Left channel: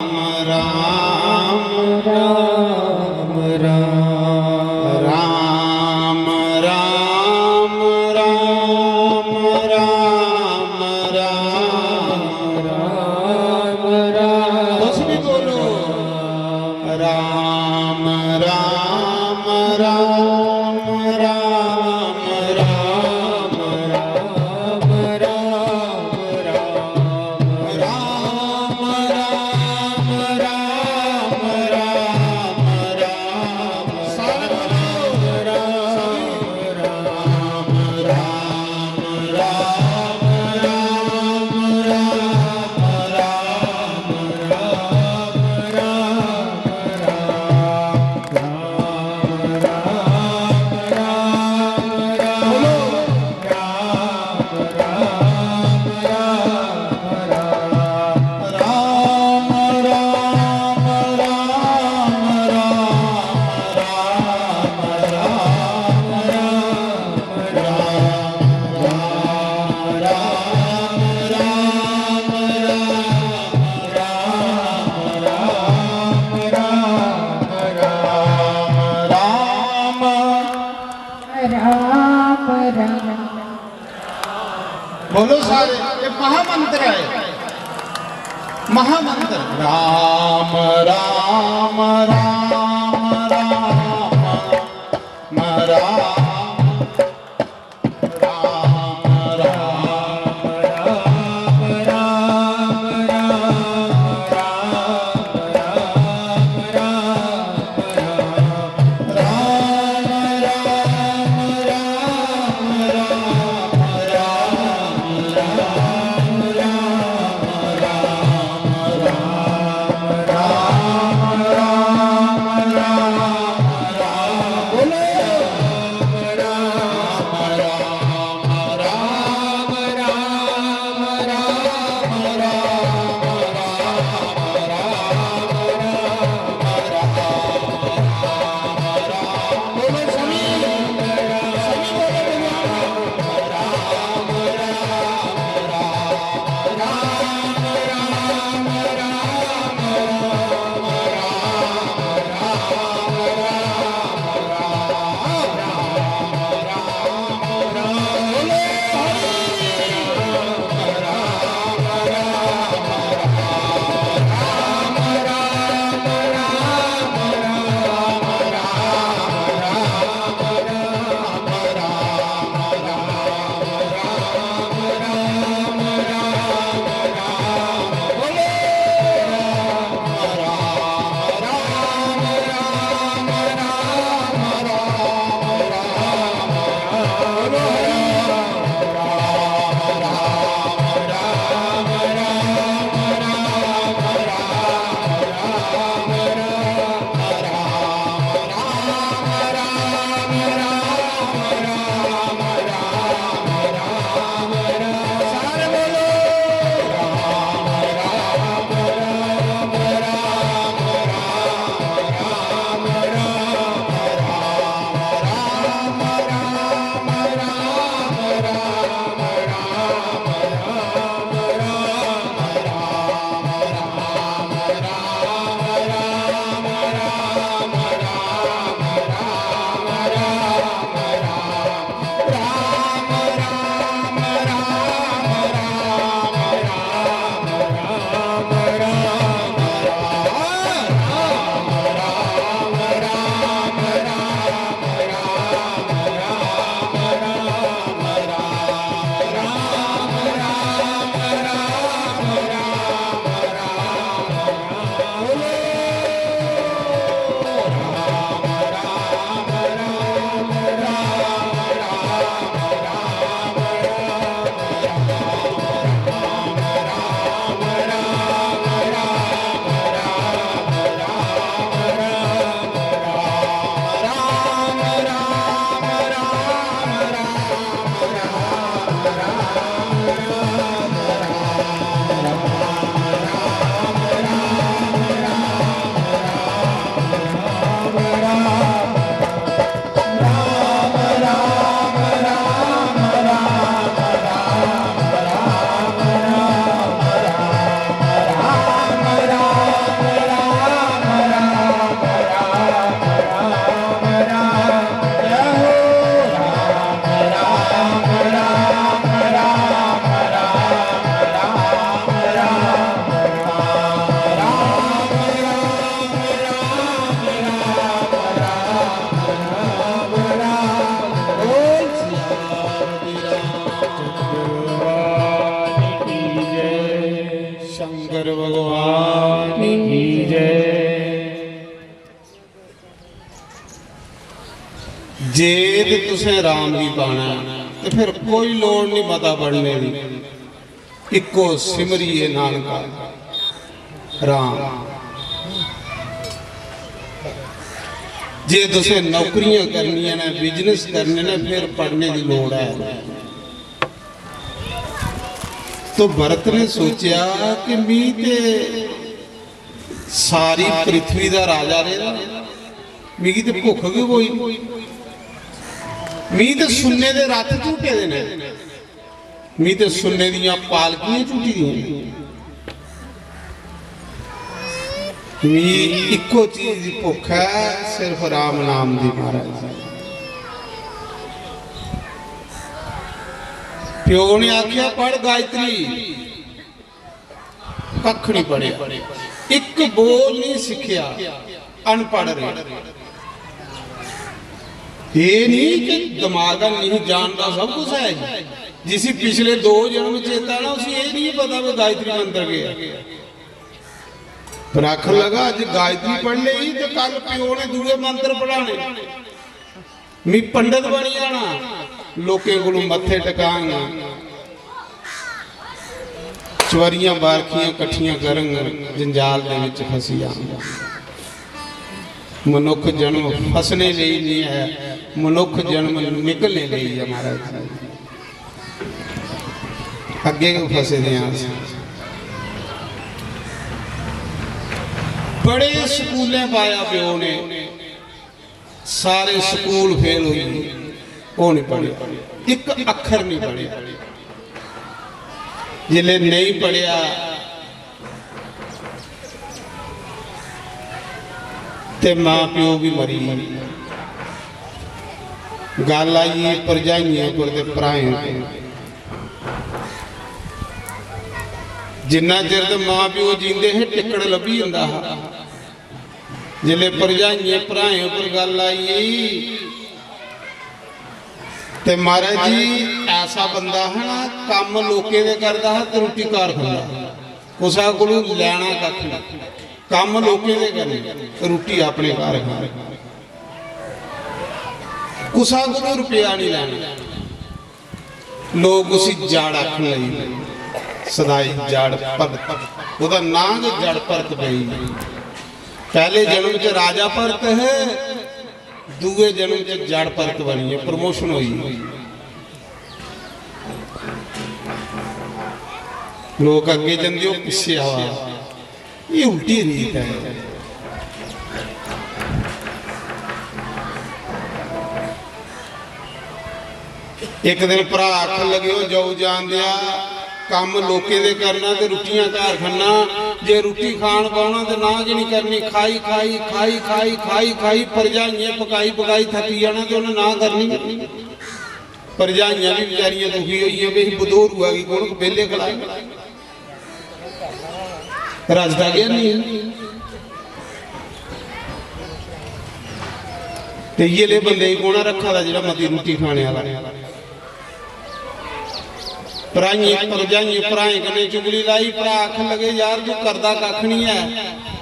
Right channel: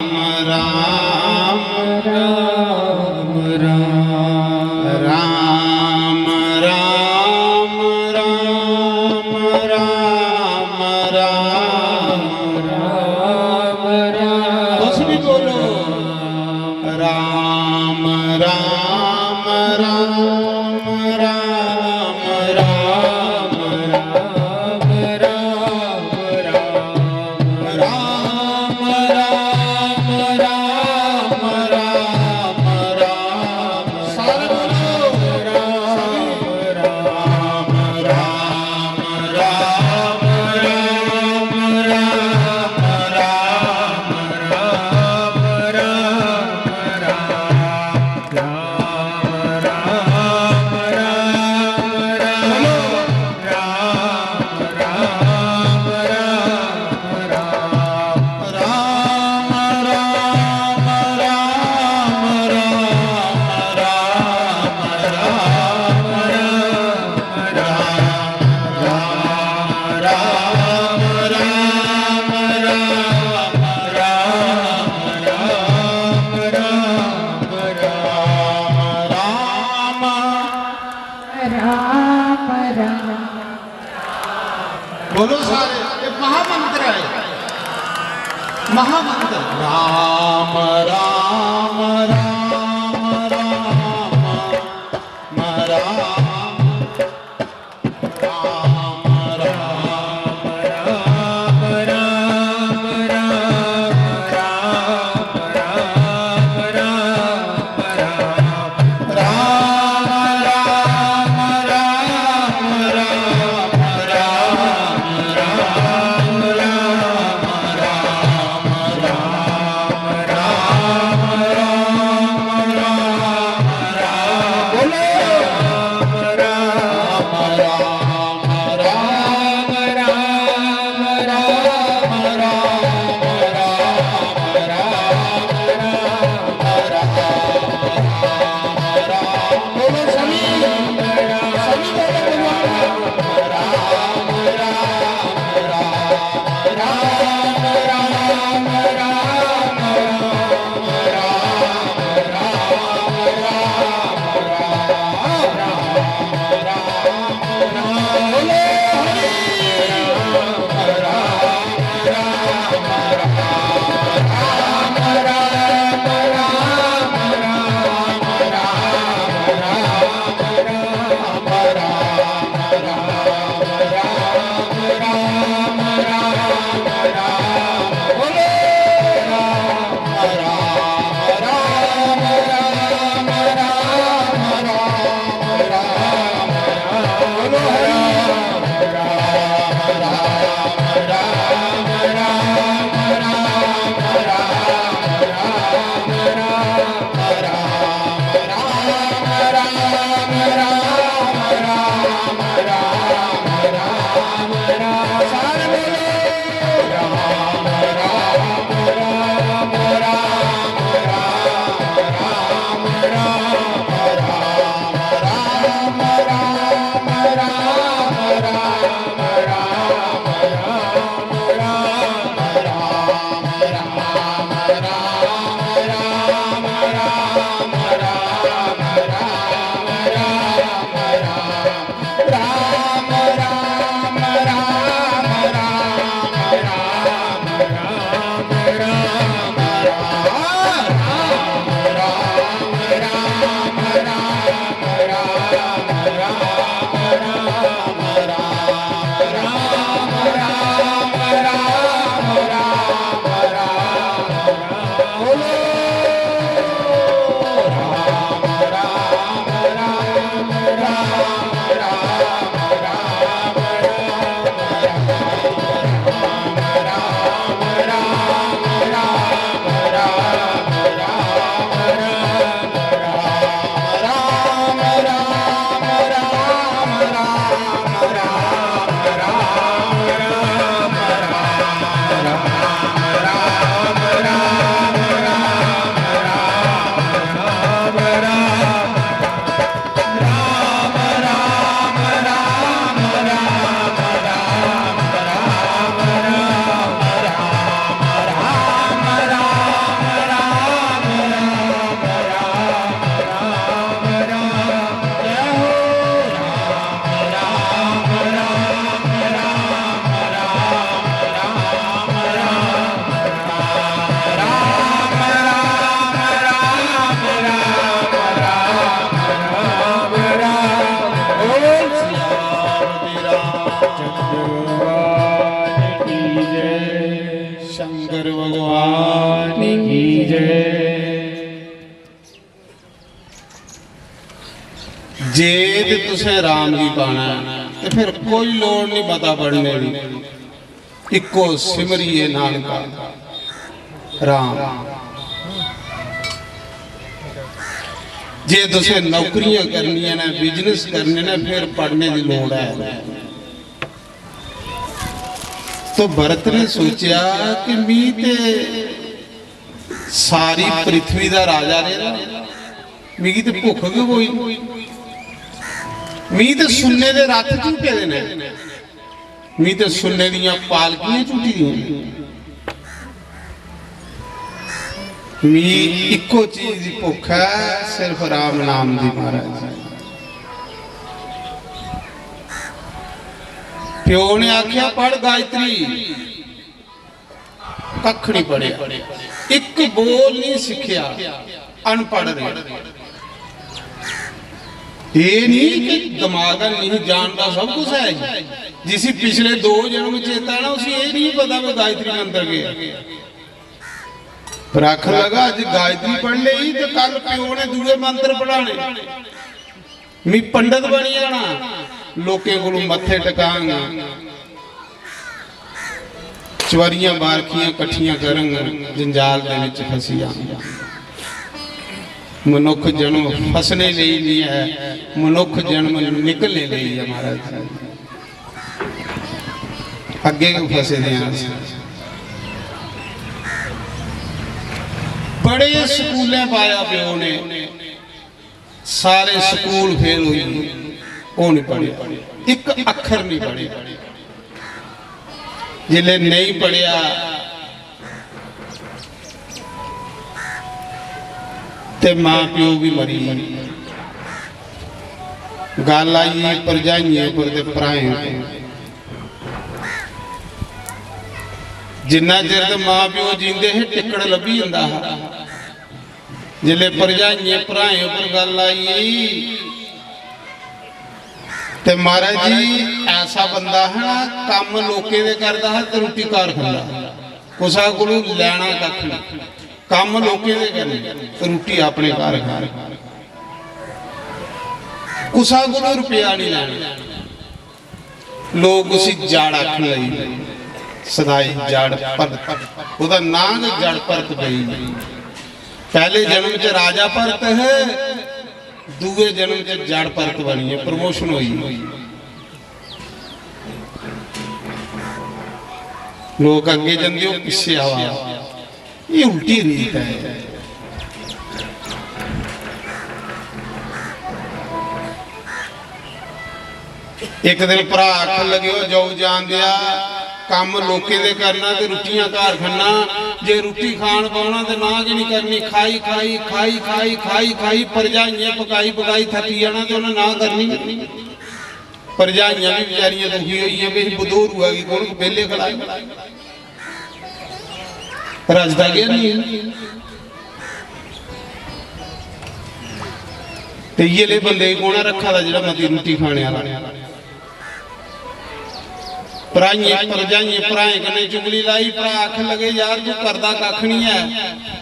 राम राम राम राम राम राम राम राम राम बस भी बोलो राम राम राम राम राम राम राम राम बोलो सारे एक महामंत्र है महामंत्र राम राम राम राम राम तुसें राम जी पाना तो फिर कोई लोड़ नहीं पता पढ़ने की, इको सिमरिए नानका राम। जे तुसें नौकरियां करनियां ने, बिजनेस करने ने, फिर पढ़ने की लोड़ है। तो भरत ने सोचा कि मी ते सारी पृथ्वी का राजा रहा, मिगी तो भुख भी कोई, मी तो सुन्ने के रथ झूटे ने, मी तो सुन्ने दियां पालकियां झूटी दी, मी इको चीज की भुख है, सिर्फ राम नाम दी। महाराज प्यो ने आख्या पढ़ गायत्री, कख नहीं पढ़िया, एक बोल नहीं सीखिया, अनपढ़ रहे। ये नहीं कि दिमाग नहीं जानता सब कुछ है, जिसी पिछले 2 जन्म चेता ना उसे ये नहीं पता मैं गायत्री मंत्र गया, पर आखन लगा अज गायत्री पढ़ ली तो कल प्यो ने दूसरे मंत्र पढ़ाने, मैं पंडित बन जाना, लोकें कोलों मत्थे टकांगा, चवरियां बारखियां कट्ठियां करांगा, जंजाल दे विच फसी जाऊंगा। मनुख जन्म फसने लिए नहीं है, मनुख जन्म निकलने लिए है। महाराज अगे फसे दे बड़े स्कूलें पाया प्यो ने, सारे स्कूल फेल हुई, वो नहीं पढ़े, एक अखर नहीं पढ़े। जिले नहीं पढ़िया ते मां प्यो भी मरी, गल आई भरजाइयां पर ते भराएं पर। जिन्ना चिर ते मां प्यो जींदे है टिकड़ लभी जांदा, जिले भरजाइयां भराएं पर गल आई ते महाराज जी ऐसा बंदा है काम लोके दे करदा है ते रोटी घर खांदा, कुसा कोलों लैना कख नहीं, काम लोके दे करने रोटी अपने घर खा, कुसा कोलों रुपया नहीं लेना। लोग उसी जाड़ आखन लगे, सदाई जाड़ भरत, ओदा नाम जड़ भरत पई। पहले जन्म च राजा भरत है, दूए जन्म च जड़ भरत बनी है, प्रमोशन हुई। लोग अगे जाते हो पिछे आवा, ये उल्टी रीत है। एक दिन भरा आखन लगे हो जाओ जान दिया, काम लोके दे करना ते रुटियां घर खाना, जे रोटी खान पाना तो ना कि नहीं करनी, खाई खाई खाई खाई खाई खाई भरजाइयां पकाई पकाई थकी जाना तो उन्हें ना करनी। भरजाइयां भी बेचारियां दुखी हुई है भी बदोर हुआ कि कौन बेले खड़ाए रजदा गया नहीं। ते ये ले बंदे कौन रखा था जिहड़ा मती रोटी खाने वाला, भरजाइयां भराएं कन्नै चुगली लाई, भरा आखन लगे यार तू करदा कख नहीं है,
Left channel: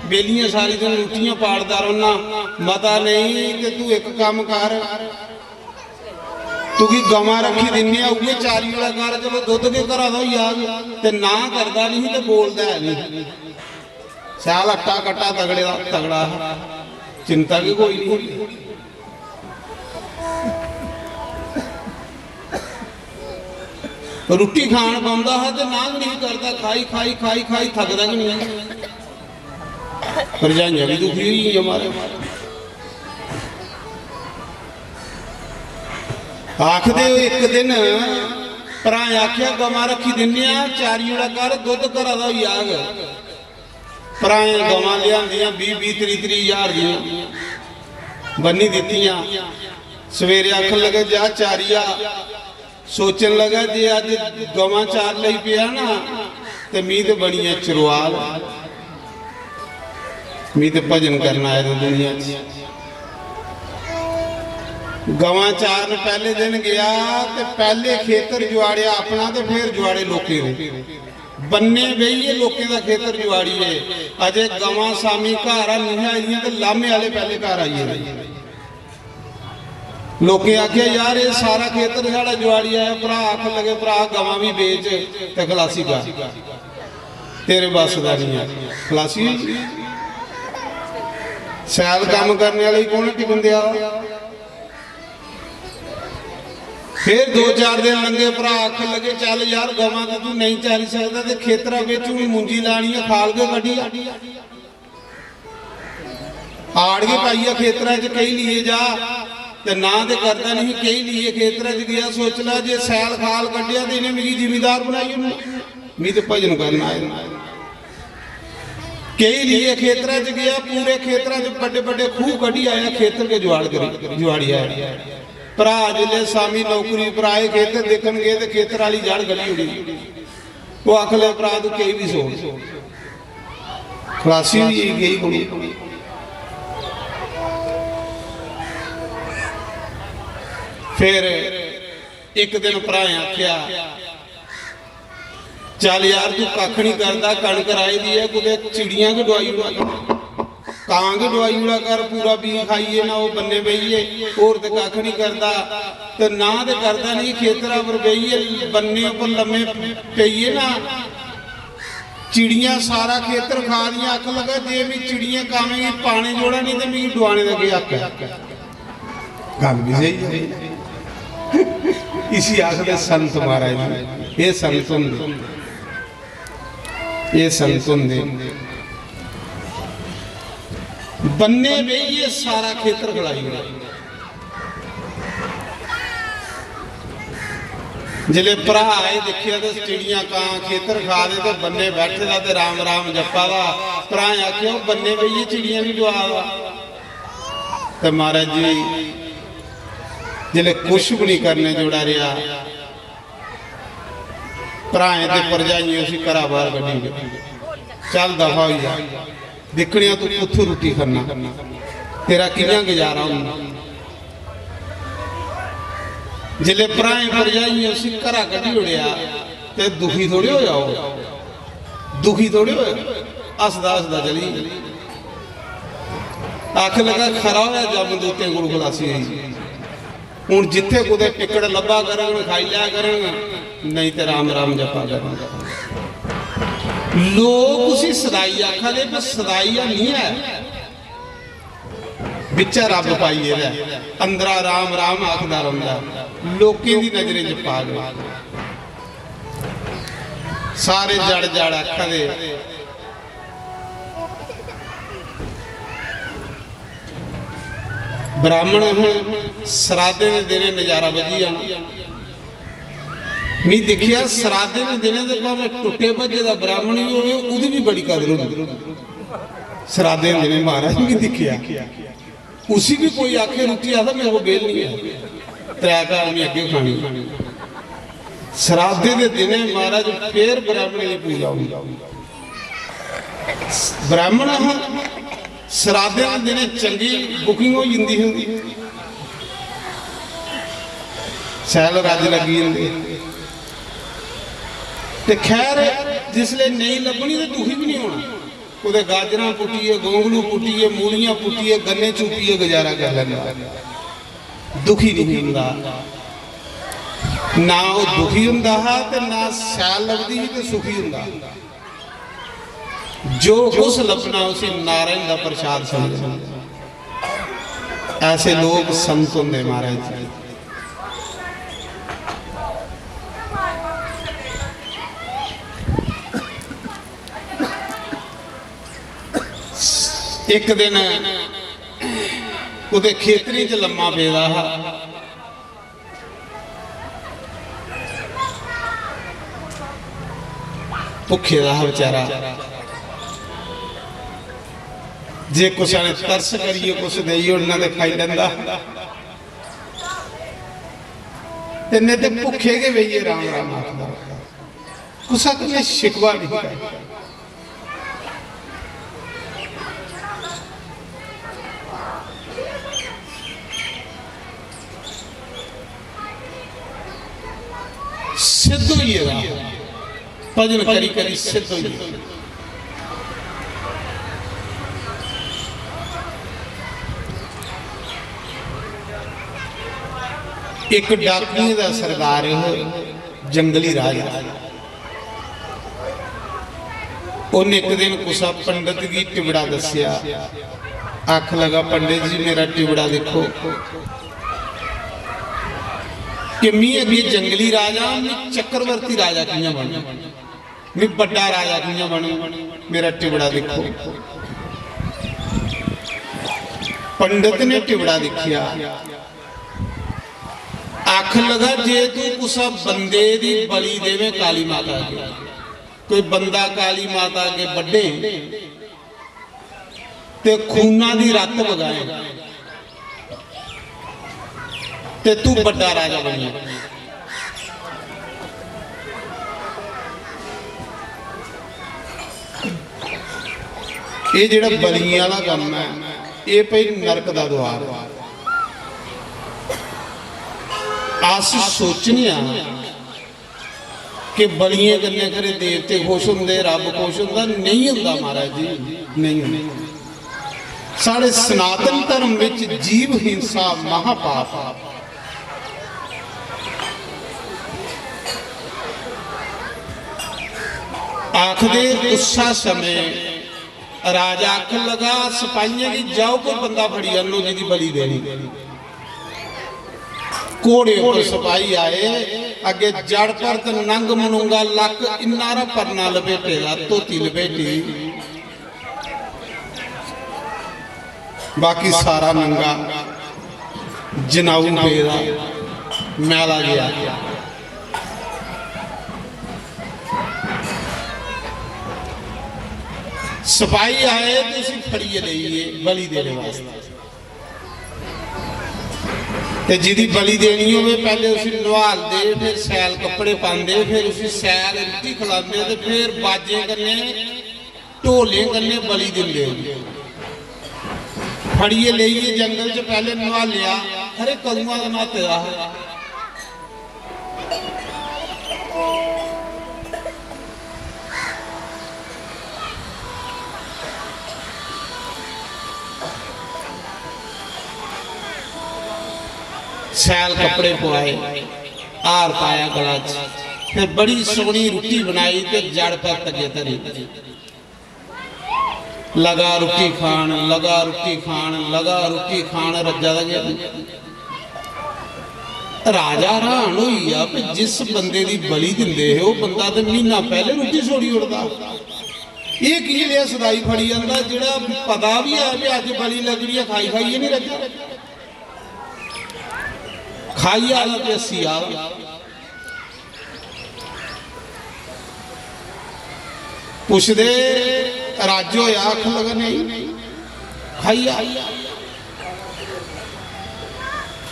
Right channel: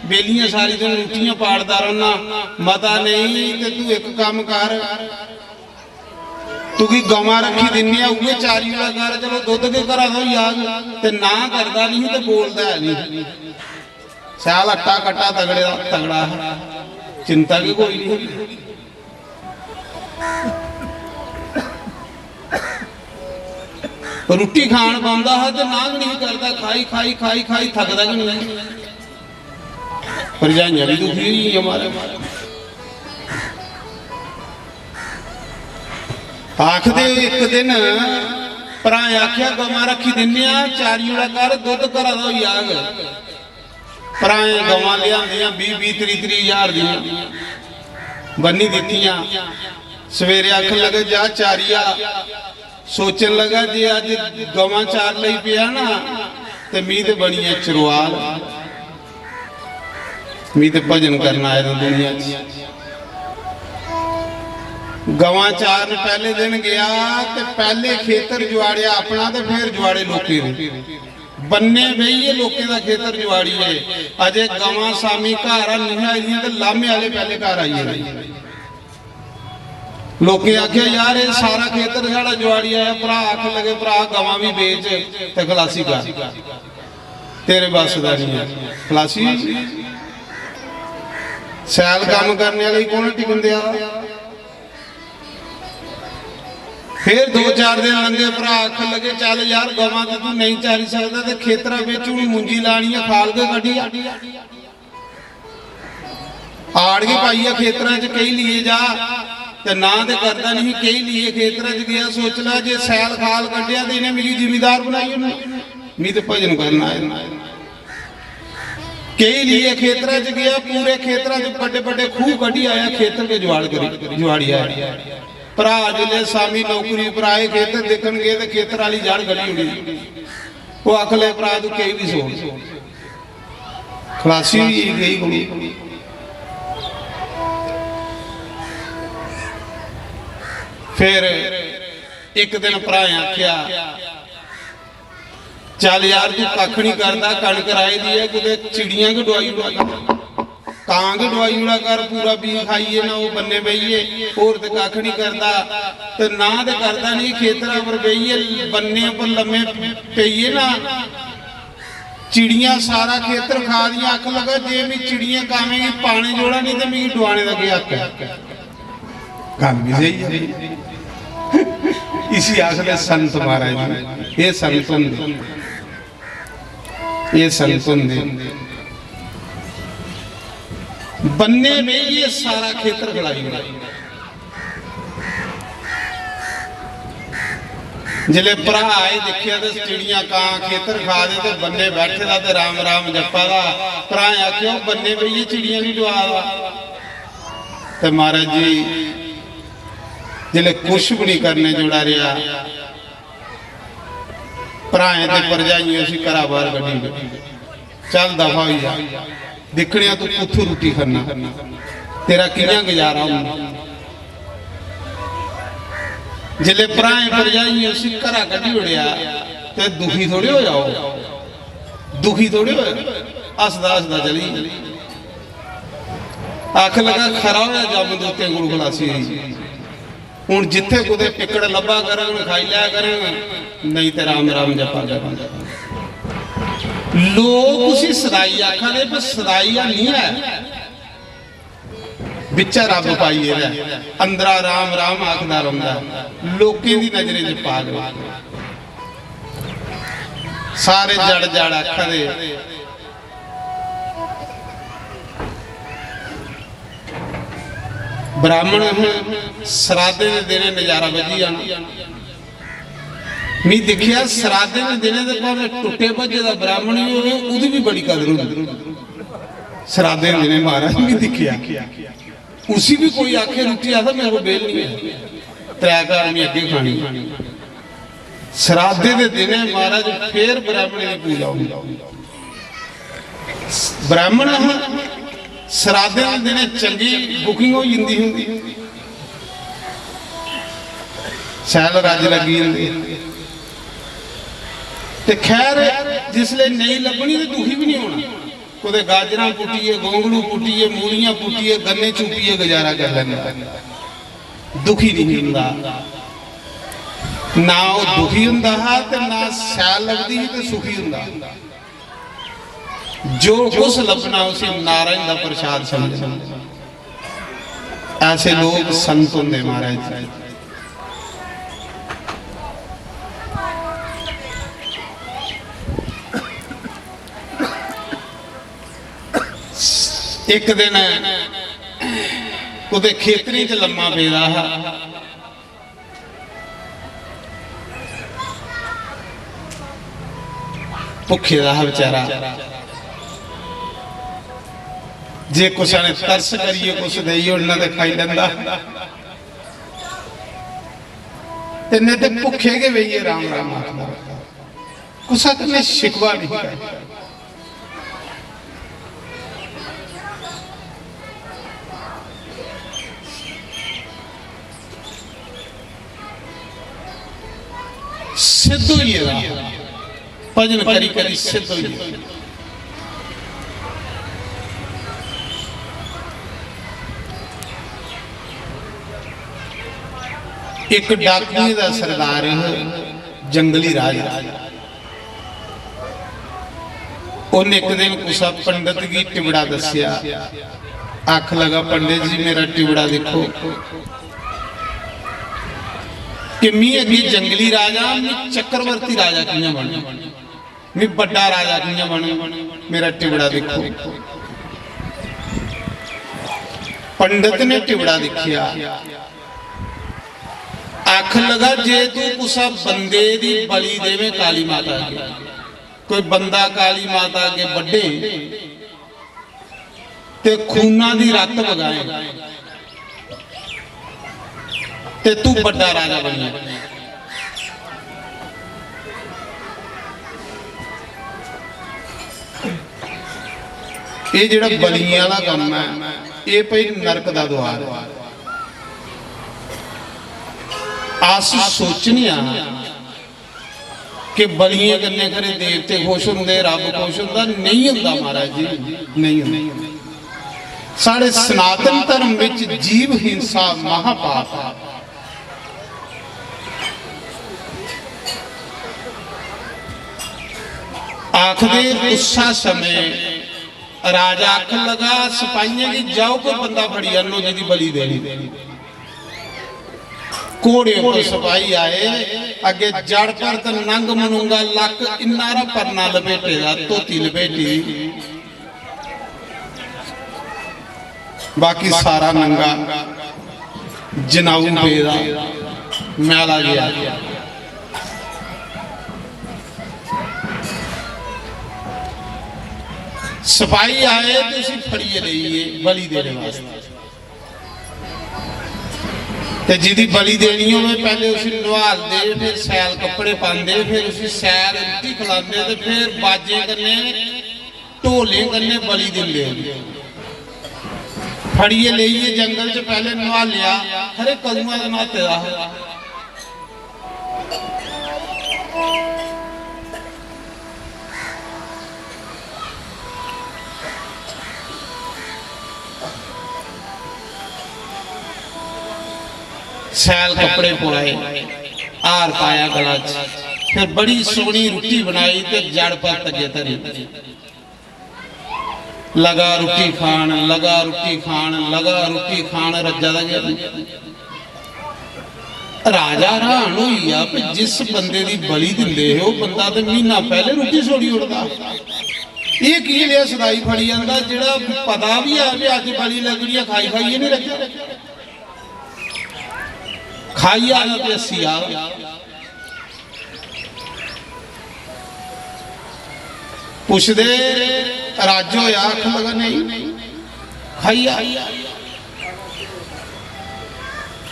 बेलियां सारी दिन रोटियां पाड़दा रहना, मता नहीं ते तू एक काम कर, तू की गवां रखी दिन्नी है उहे चारी वाला कर, चलो दुध के घरा तो ही आ ते ना करदा नहीं ते बोलदा है नहीं। साल अट्टा कट्टा तगड़े तगड़ा, चिंता की कोई नहीं। रोटी खान पाता है तो नाग नहीं करता, खाई खाई खाई खाई थकदा कि नहीं। भरजाइयां भी दुखी हुई हमारे, आखदे एक दिन भरा आख्या गवां रखी दिन्ने चारी वाला कर, दुध घरा दा होई आग। भरा गवां लिया 20-30 हजार दी बन्नी दित्तियां, सवेरे आखन लगे जा चारी आ, सोचन लगा जे अज गवां चार लई पिया ना ते मी ते बनी है चरवाल, मी ते भजन करना आया दुनिया। गवां चार पहले दिन गया ते पहले खेतर जुआड़िया अपना ते फिर जुआड़े लोके ने, बन्ने बही लोके का खेतर जुआड़ी है। अजे गवां सामी घर आ निहा ते लामे वाले पहले घर आइए। लोके आख्या यार ये सारा खेतर साड़ा जुआड़ी आया, भरा आख लगे भरा गवां भी बेच ते खलासी कर, तेरे बस का नहीं है। खलासी सैल काम करने वाले कौन टिकन दिया। फिर 2-4 दिन लंघे, भरा आख लगे चल यार गवां तो तू नहीं चारी सकता ते खेतरा बेच मुंजी लानी है, खाल के कढ़ी आड़ के पाई है खेतरा च कई लिए जा ते ना ते करता नहीं, कई लिए खेतरा च गया सोच ला जे सैल खाल कढ़िया तो इन्हें मेरी जिमीदार बनाई नहीं तो भजन करना है। कई लिए खेतरा च गया, पूरे खेतरा च बड़े बड़े खूह कढ़ी आया, खेतर के जुआड़ करी जुआड़ी आया। भरा जिले सामी नौकरी पर आए खेतर देखन गए तो खेतर वाली जड़ गड़ी हुई, वो आख ले भरा तू कई भी सोच। खलासी गई कुड़ी, फिर एक दिन भरा आख्या चल यार तू कख नहीं करता, कणक राई दी है, कुछ चिड़िया की डवाई उड़ा कां की डवाई उड़ा कर, पूरा बी खाइए ना वो बन्ने बहिए, और तो कख नहीं करता तो ना तो करता नहीं, खेतरा पर बहिए बन्ने पर लम्मे पेइए ना, चिड़िया सारा खेतर खा दिया। अख लगा जे मैं चिड़िया खावेंगी पाने जोड़ा नहीं तो मैं डुआने लगे अख गल भी सही है। इसी आखिर संत महाराज ये संत होंगे, ये संत होंगे बन्ने में ये सारा खेतर खलाई जिले भरा आए देखे तो चिड़िया कां खेतर खा दे ते बन्ने बैठे दा ते राम राम जपा दा। भरा आख्या बन्ने पे ये चिड़िया नहीं डुआ ते महाराज जी जिले कुछ भी नहीं करने जोड़ा रहा, भराएं ते भरजाइयां उसी घरा बाहर कड्ढी, चल दफा हो जा, दिखनिया तू कुत्थों रोटी खाना, तेरा कियां गुजारा होना। जिले भराएं भरजाइयां उसी घरा कड्ढी उड़िया ते दुखी थोड़े हो जाओ, दुखी थोड़े हो, हसदा हसदा चली। आख लगा खरा होया जब दोते गुरु खलासी हुई, हूँ जिथे कुछ टिकड़ लभा करें खाई लिया करें, नहीं तो राम राम जपा करें। लोग उसी सदाई आखा दे पर सदाई नहीं है, बिचा रब पाइए अंदरा राम राम आखदा रहा, लोकी दी नजरे च पा गए सारे जड़ जड़ आखा दे। ब्राह्मण सराधे के दिन नजारा बजी जाना, मैं देखिया सराधे के दिन टुटे भजे का ब्राह्मण ही होवे उदी भी बड़ी कदर होगी। सराधे के दिन महाराज नहीं देखिया, उसी भी कोई आखे रोटी आता मेरे को बेल नहीं है, त्रै आदमी अगे खानी। सराधे के दिन महाराज फिर ब्राह्मण की पूजा होगी। ब्राह्मण सराधे के दिन चंगी बुकिंग हो जाती होगी, सैल रज लगी ते खैर जिसले नहीं लभनी तो दुखी भी नहीं होना। कुछ गाजर पुट्टिए, गोंगलू पुट्टिए, मूलियां पुट्टिए, गन्ने चुपिए गुजारा कर लेना, दुखी नहीं होंदा। ना वो दुखी होंदा है ते ना सैल लभदी ते सुखी होंदा। जो कुछ लभना उसे नारायण का प्रसाद समझना। ऐसे लोग संत होंगे महाराज। एक दिन उदे खेतरी च लम्मा पेदा हा, भुखे दा बेचारा। जे कुछ तरस करिए कुछ दईए उन्ना ते खाई लेंदा, इन्ने ते भुखे के बेइए राम राम आखदा, कुछ ने शिकवा नहीं करता। सिद्ध होइएगा भजन करी करी सिद्ध होइए। एक डाकिए का सरदार जंगली राजा उन्हें एक दिन कुसा पंडित की टिबड़ा दसिया। आख लगा पंडित जी मेरा टिबड़ा देखो कि मैं अभी जंगली राजा मैं चक्रवर्ती राजा किया बनू, मैं बड़ा राजा किया बनू, मेरा टिबड़ा देखो। पंडित ने टिबड़ा देखिया। आख लगा जे तू कुछ बंदे दी बलि देवे काली माता के, कोई बंदा काली माता के बड़े ते खूना दी रत वगाए ते तू बड़ा राजा बनी। ये जिहड़ा बलियां वाला काम है ये भाई नरक दा द्वार। आस सोचने कि बलियां करने करे देवते खुश होंगे, रब खुश होंदा, नहीं होंदा महाराज जी, नहीं होंदा। साढ़े सनातन धर्म विच जीव हिंसा महापाप। आखदे उसा समय राजा आख लगा सिपाहियां की जाओ कोई बंदा फड़ी आनो जी बलि देनी। घोड़े पर सिपाही आए, अगे जड़ पर तो नंग मनूंगा लक इन्ना परना लपेटेगा, धोती लपेटी, बाकी सारा नंगा जनाऊ पेदा मैला गया। सिपाही आए तो उसी फड़िए रही बलि देने वास्ते, ते जिदी बलि देनी हो पहले उसी नवाल दे, फिर सैल कपड़े पाते, फिर उसी सैल रोटी खिलाते, तो फिर बाजे कन्ने ढोले कन्ने बलि दिंदे। फड़िए लेइए जंगल च पहले नवा लिया, हरे कदुआ का नाते है। सैल कपड़े पुराए, आर पाया गला च, फिर बड़ी सोहनी रोटी बनाई ते जड़ पर तगे धरी। लगा रोटी खान, लगा रोटी खान, लगा रोटी खान, रज्जा दा गया। राजा हैरान होइया कि जिस बंदे दी बलि दिंदे हो बंदा तो महीना पहले रोटी छोड़ी उड़दा, ये की लिया सदाई फड़ी जांदा, जेड़ा पता भी है कि अज बलि लगनी है, खाई खाइए नहीं रखा, खाई आना ते अस्सी आ। पुछदे राजो आख लगा नहीं खाई आ।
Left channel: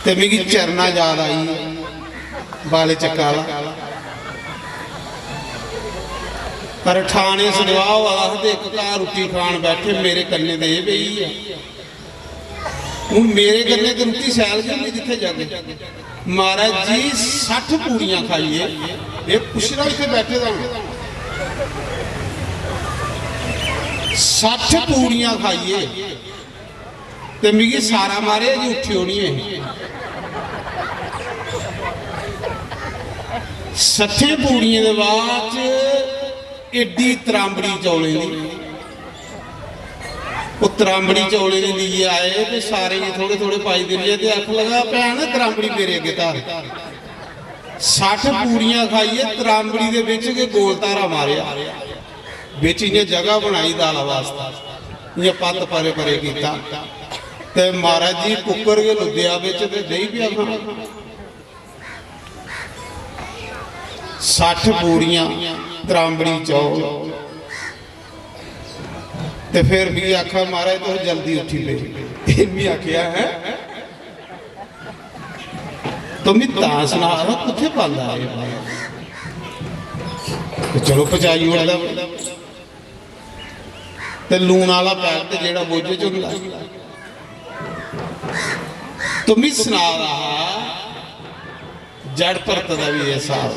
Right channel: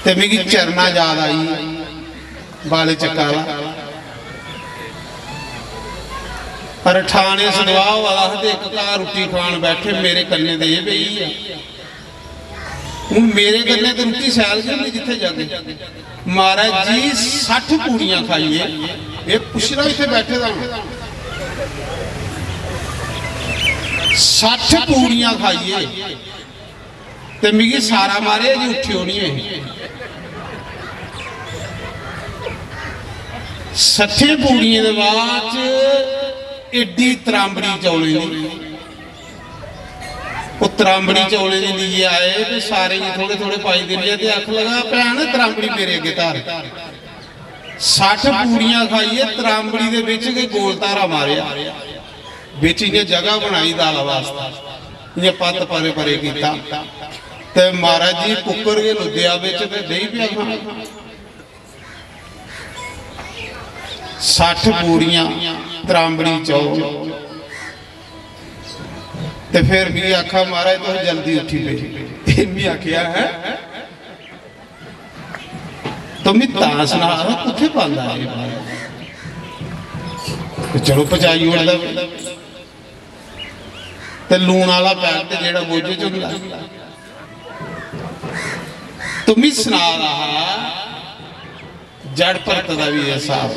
ते मिगी चरना याद आई बाले चक्कर वाला, पर ठाणे सदवाओ आखदे एक घर रोटी खान बैठे मेरे कन्ने दे पई है। हूँ मेरे कन्ने तो रोटी सैल गई जिथे जाके महाराज जी 60 पूड़ियां खाइए, ये पुछना इतने बैठे दा 60 पूड़ियां खाइए ते मिगी सारा मारे जी उठी होनी है। 60 पूड़ियां के बाद एडी त्रांबड़ी चौले दी, त्रांबड़ी चौले दी लिए आए तो सारे थोड़े थोड़े पाई दिए ते आख लगा भैन त्रांबड़ी मेरे अगे धार। 60 पूड़ियां खाइए, त्रांबड़ी दे विच के गोल धारा मारिया, विच इन्हें जगह बनाई दाल वास्ते, इन्हें पत्त परे परे कीता ते महाराज जी कुकर के लुद्दिया विच ते दही पिया खाना। 60 पूड़ियां त्रांबड़ी चौल ते फिर भी आखा महाराज तो जल्दी उठी पे, इन्नी आखिया है तो मैं तां सुना कुत्थे पांदा है, चलो पचाई होंदा ते लूण वाला पैर ते जेड़ा बोझे च हुंदा तो मैं सुना रहा जड़ परत दा भी एहसास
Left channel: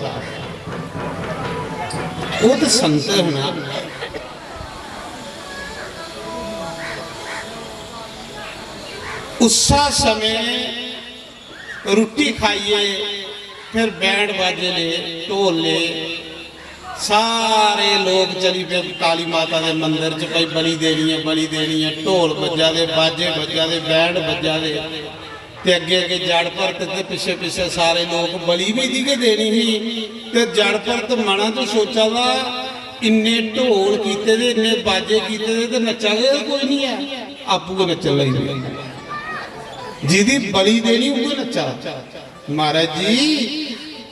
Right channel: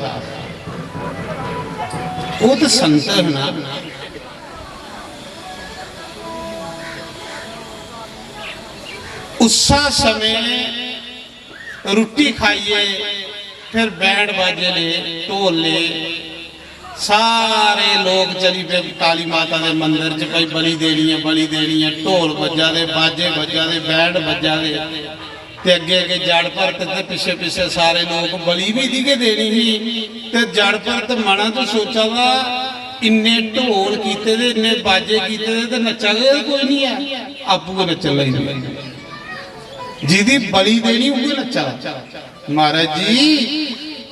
वो तो संत है ना। उसा समय रोटी खाइए, फिर बैंड बाजे ले, ढोल ले, सारे लोग चली पे काली माता के मंदिर च कई बली देनी है, ढोल बजा दे, बाजे बजा दे, बैंड बजा दे, ते अगे अगे जड़ भरत ते पिछे पिछे सारे लोग बली भी दी के देनी ही। ते जड़ भरत मना तो सोचा वा इन्ने ढोल कीते दे, इन्ने बाजे कीते दे, ते नचा कोई नहीं है, आपू नचन लगी, जिदी बली देनी उही नचा। महाराज जी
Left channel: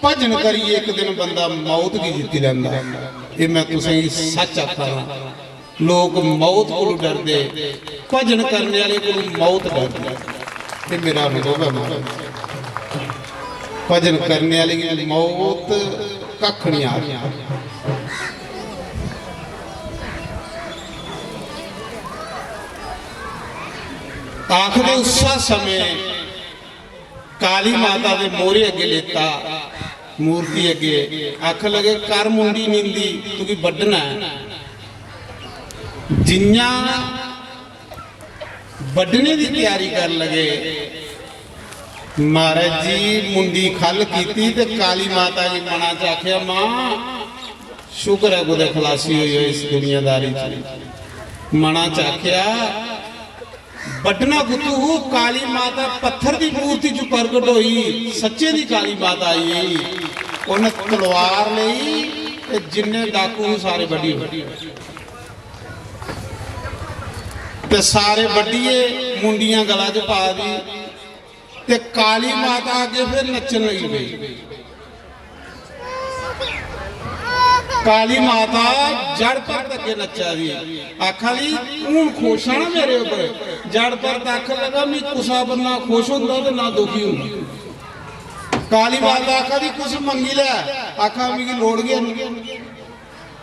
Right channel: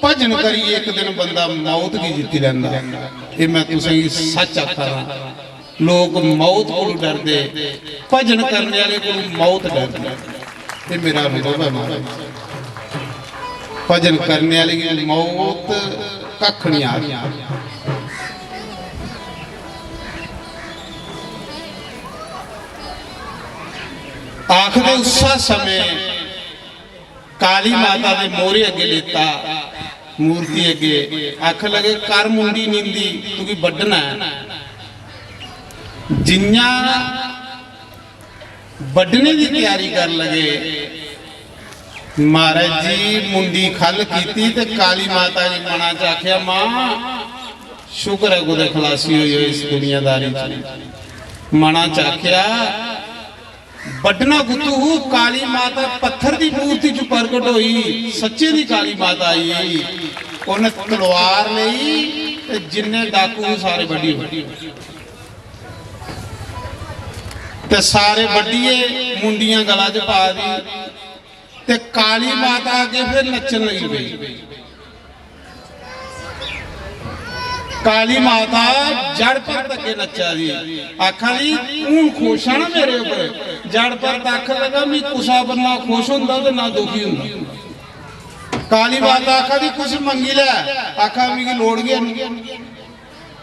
भजन करिए, एक दिन बंदा मौत की जीती लैंदा, ये मैं तुसें सच आखा रहा। लोग मौत को डरदे, भजन करने वाले को मौत डरदे, ये मेरा अनुभव है महाराज। भजन करने वाले की मौत कख नहीं आ रही। आखिर उस समय काली माता के मोरे अगे लेता, मूर्ति अगे आख लगे कर मुंडी नींदी क्योंकि बड्डना है। जिन्ना बड्डने की तैयारी कर लगे, महाराज जी मुंडी खल की ते काली माता जी मना च आख्या मां शुक्र है कुछ खलासी हुई इस दुनियादारी च। मना च आख्या बड्डना पुत्तू, काली माता पत्थर की मूर्ति च प्रगट हुई, सच्चे दी काली माता आई, उन्हें तलवार ली, जिन्ने डाकू सारे बड्डी ते सारे बड्डीए मुंडियां गला च पा दी, ते काली माता आके फिर नचन लगी पई। काली माता जड़ पर तके नचा दी, आखा ली तू खुश है ना मेरे ऊपर। जड़ पर तक लगा मैं कुसा बंदा खुश होंदा ते ना दुखी होंदा। काली माता आखा दी कुछ मंगी लै, आखा मिगी लोड़ गया नहीं।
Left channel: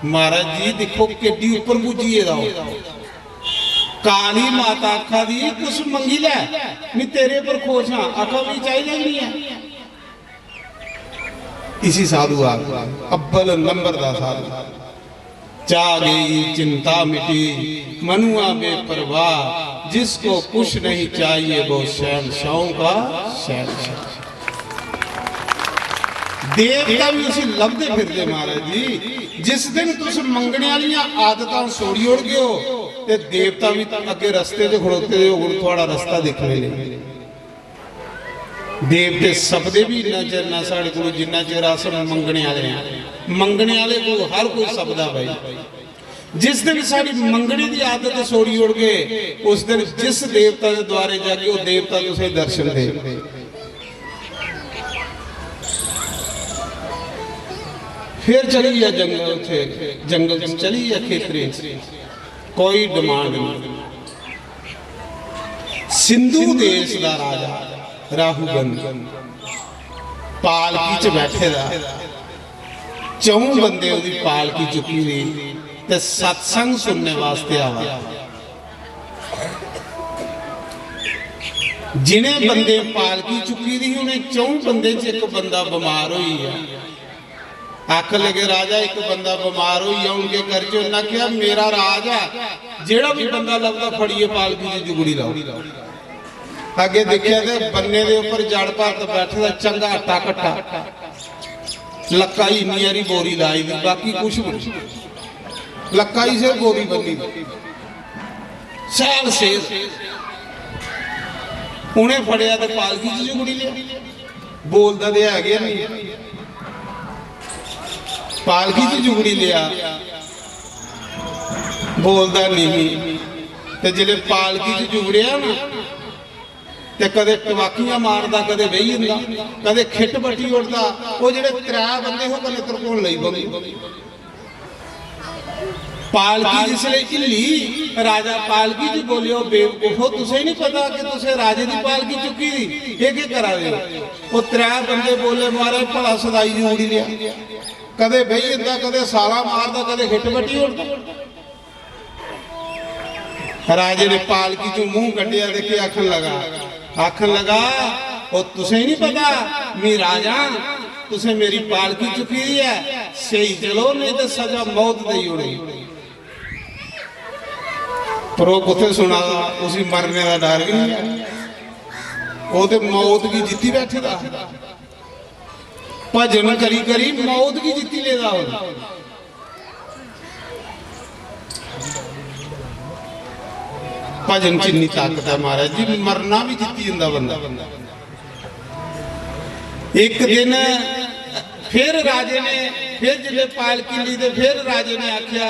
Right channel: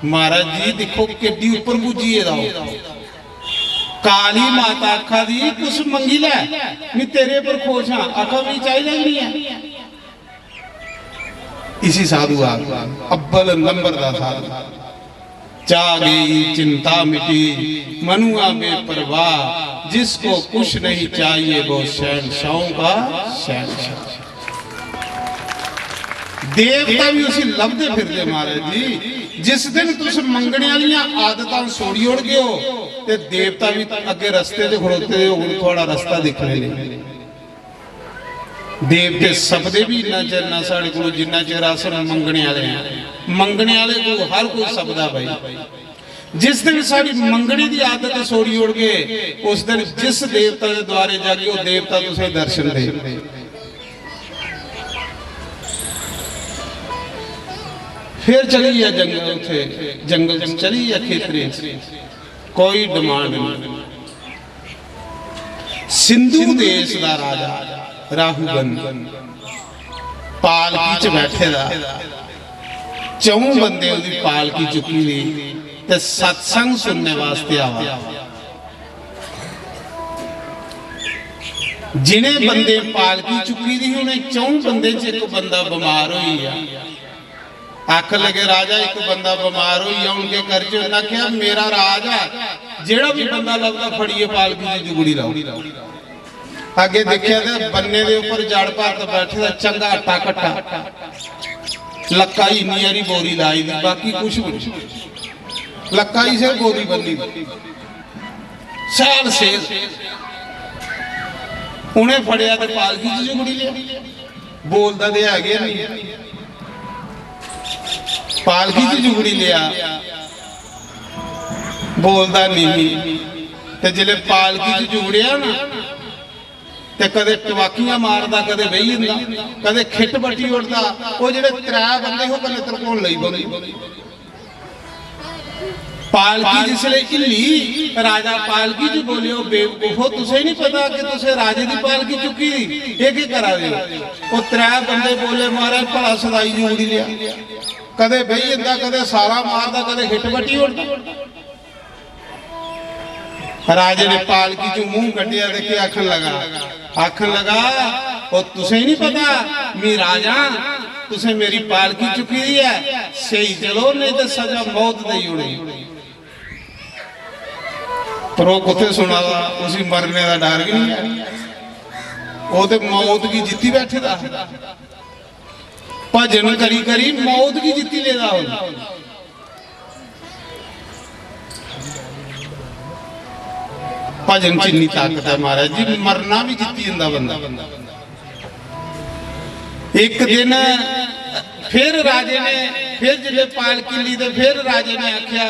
महाराज जी देखो केडी ऊपर पुजी है। काली माता आखा दी कुछ मंगी लै, मैं तेरे पर खुश हाँ, आखा भी चाहिए नहीं है। इसी साधु अव्वल नंबर का साधु, चा गई चिंता मिटी मनुआ में परवाह, जिसको कुछ नहीं चाहिए वो शहंशाहों का शहंशाह। देवता भी उसे लभदे फिरदे महाराज जी। जिस दिन तुस मंगने वालियां आदतां छोड़ी उड़ गए हो, ते देवता भी अगे रस्ते ते खड़ोते हो, हुण थोड़ा रास्ता दिखने लगे। देव के सपदे भी इन्ना चिर ना साढ़े को, जिन्ना चिर अस मंगने वाले हैं। मंगने वाले को हर कोई सपदा भाई। जिस दिन साड़ी मंगने की आदत सोड़ी उड़ गए, उस दिन जिस देवता के द्वारे जाके वो देवता तुझे दर्शन दे। फिर चली जा जंगल, उठे जंगल चली जा खेतरे, कोई डिमांड नहीं। सिंधु देश का राजा राहुगन पालकी च बैठे दा, चौं बंदे उदी पालकी चुकी ली ते सत्संग सुनने वास्ते आवा। जिन्हें बंदे पालकी चुकी दी उन्हें चौं बंदे च एक बंदा बीमार हुई है। आख लगे राजा एक बंदा बीमार हुई है, उनके घर च उन्हें कहा मेरा राजा जेड़ा भी बंदा लगता फड़िए पालकी की जुगड़ी लाओ। आगे देखिया तो बन्ने दे ऊपर जड़ भरत बैठे, चंगा आटा कट्टा, लक्का ही नियरी बोरी लाई दी, बाकी कुछ नहीं, लक्का ही से बोरी बनी साल से। उन्हें फड़िया तो पालकी च जुगड़ी लिया, बोलता तो है नहीं, पालकी च जुगड़ी लिया, बोलता नहीं। ते जिले पालकी च जुगड़िया ना, ते कदे टवाकियां मारदा, कदे बही जंदा, कदे खिट बट्टी उड़दा। वो जेडे त्रै बंदे हो कदे तरकोण लई बोली। पालकी जिसले हिली, राजा पालकी च बोलियो बेवकूफो, तुसे नहीं पता कि तुसे राजे की पालकी चुकी, ये की करा दे। वो त्रै बंदे बोले महाराज भला सदाई जी उड़ी लिया, कदे बही जंदा, कदे साला मारदा, कदे खिट बट्टी उड़दा। राजे ने पालकी चो मुंह कटिया देखे आखन लगा और तुसे नहीं पता मैं राजा, तुसे मेरी पालकी चुकी दी है, सही चलो नहीं तो सजा मौत दी उड़ी। पर वो कुत्ते सुना उसी मरने का डर भी नहीं। वो तो मौत की जीती बैठेगा, भजन करी करी मौत की जीती लेगा। भजन च इन्नी ताकत है महाराज जी, मरना भी जीती जाता बंदा। एक दिन फिर राजे ने फिर जिले पालकी ली, फिर राजे ने आख्या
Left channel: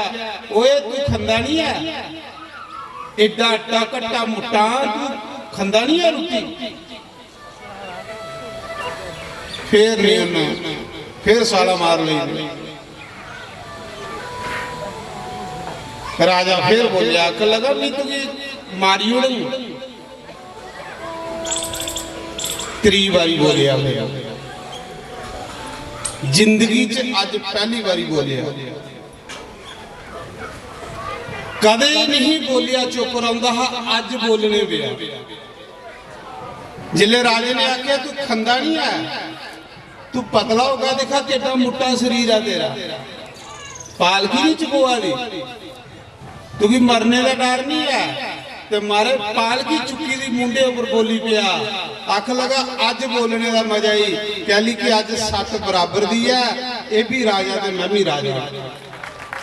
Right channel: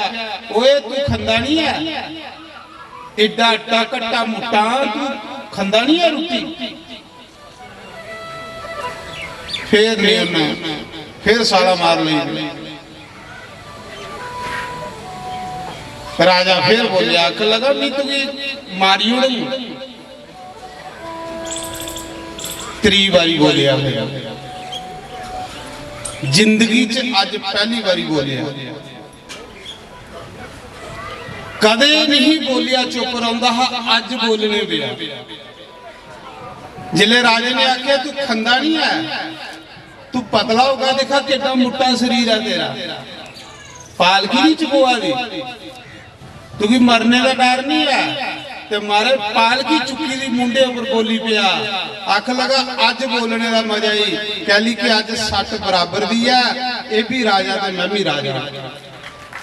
ओए तू खंदा नहीं है, एडा आटा कट्टा मुट्टा तू खंदा नहीं है रोटी। फिर ने फिर साला मार ली। राजा फिर बोले, आख लगा मैं तुझे मारी उड़ू। त्री बारी बोलिया, जिंदगी च अज पहली बारी बोलिया, कदे नहीं बोलिया चुप रहा, अज बोलने दिया। जिले राजे ने आख्या तू खंदा नहीं है, तू पतला होगा, देखा कितना मोटा शरीर है तेरा, पालकी नहीं चुकवा दी, क्योंकि मरने का डर नहीं है। ते मारे पालकी चुकी दी मुंडे पर बोली पिया, आख लगा अज बोलने का मजा ही, कह ली कि अज सट बराबर दी है, ये भी राजा ते मैं भी राजा,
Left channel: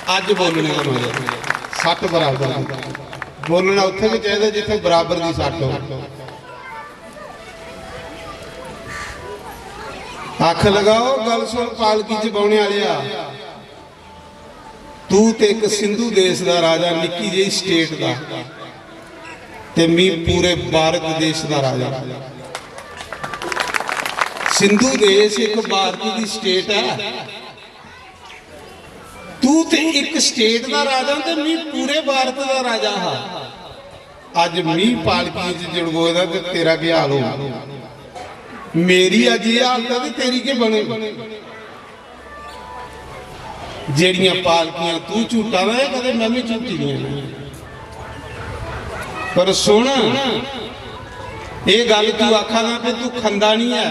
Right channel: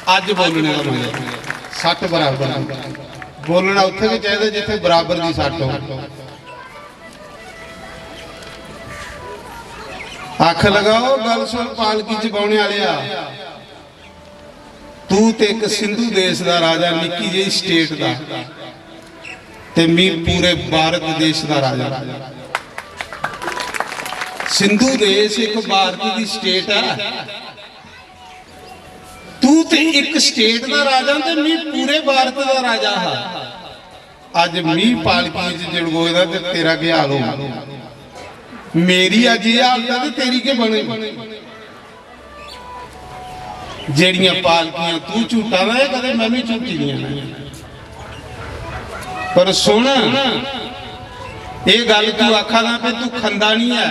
अज बोलने का मजा सट बराबर। बोलना उत्थे भी चाहिए जिथे बराबर की सट हो। आख लगाओ गल सुन पालकी च पाने वालिया, तू ते एक सिंधु देश का राजा, निक्की जी स्टेट का, ते मी पूरे भारत देश का राजा। सिंधु देश एक भारत की स्टेट है, तू ते एक स्टेट का राजा ते मी पूरे भारत का राजा हा। अज मी पालकी च जड़गोए ते तेरा क्या हाल हो, मेरी अज ये हालत है तेरी के बने। जेड़ियां पालकियां तू झूठा ना, कदे मैं भी झूठी नहीं। पर सुन ये गल तू आखा ना कि तू खंदा नहीं है,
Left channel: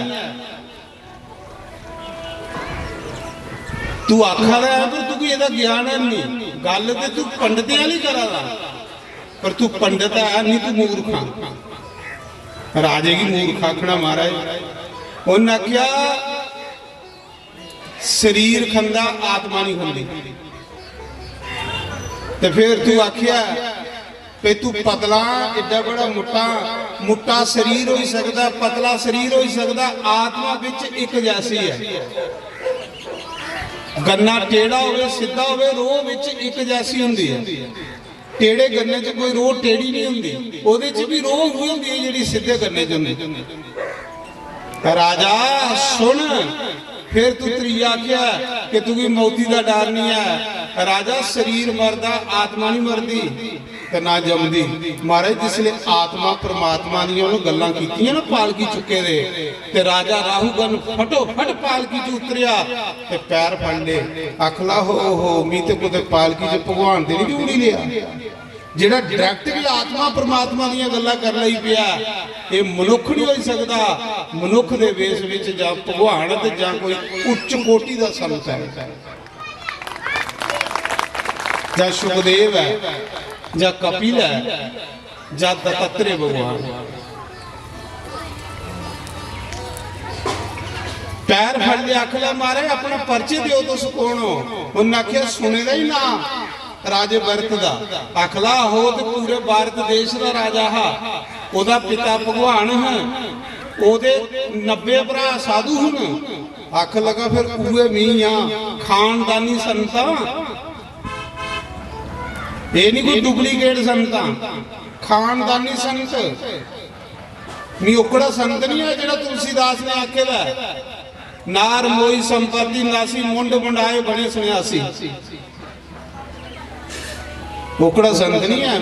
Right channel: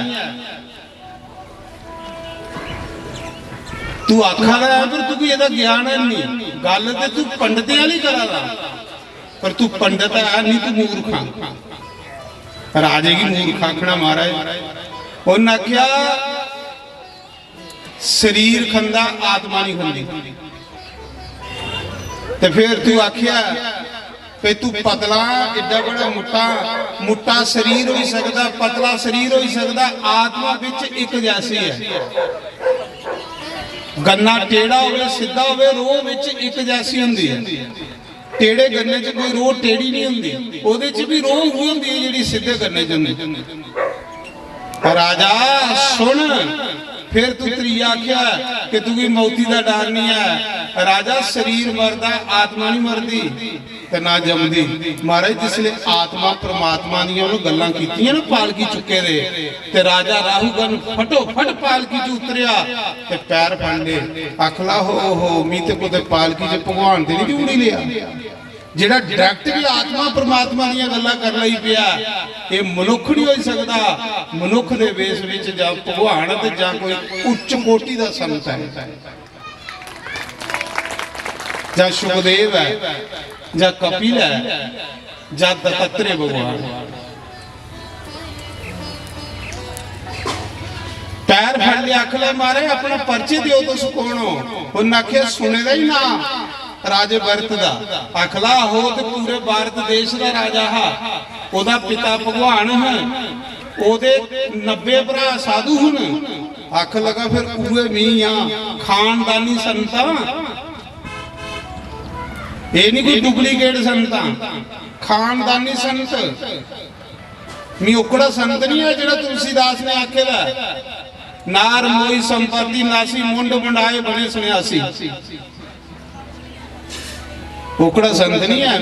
तू आखा रहा पर तू भी ਇਹਦਾ ज्ञान नहीं, गल ते तू पंडित वाली करा रहा, पर तू पंडित है नहीं, तू मूर्खा। राजे की मूर्ख आखना महाराज। उन्हें आख्या शरीर खंदा आत्मा नहीं खंदी, ते फिर तू आख्या कि तू पतला एडा बड़ा मुट्टा, मुट्टा शरीर हो सकता, पतला शरीर हो सकता, आत्मा विच एक जैसी है। गन्ना टेढ़ा हो सीधा हो, रोह विच एक जैसी हुंदी है। टेढ़े गन्ने च कोई रोह टेढ़ी नहीं हुंदी, ओहदे च भी रोह हुई हुंदी है जिहड़ी सीधे गन्ने च हुंदी। राजा सुन, फिर तू त्रीया आख्या कि तू भी मौती का डर नहीं है। राजा शरीर मरदा, आत्मा नहीं मरदी ते ना जमदी। महाराज जिसले आत्मा परमात्मा दी उन्होंने गल्लां कीतियां ना पालकी चुके दे, ते राजा राहूगन फटो फट पालकी च उतरिया ते पैर फड़ ले, आखला हो मी ते कोई पालकी च भगवान ते नहीं जोड़ी लिया, जेड़ा डायरैक्ट भी आत्मा परमात्मा दी गल्लां कर लई पिया। ये मनुख नहीं हो सकता, मनुख दे वेश विच जां भगवान ते जां कोई उच्च कोटि दा संत है, जां सुखदेव है, जां कपिल है, जां दत्तात्रेय भगवान। पैर फड़ लिया, आखला मारे अपना पर्ची दियो तुस कौन हो। उन्हें आख्या सुने दा ही ना राजे भरत दा। आखला हो तो पूरे भारत देश का राजा हा, ओदा पिता भगवान है, ओदे 90 भरा साधु हन। आख लगा फिर पूरे मीया खानदानी संता, ये नहीं कोई डुप्लीकेट संता, खानदानी संत। मी ओकड़ा संत नहीं है जेड़ा तुलसीदास ने आखेला नार मोई संपत्ति नासी मुंड मुंडाए बने सन्यासी, ओकड़ा संत नहीं है।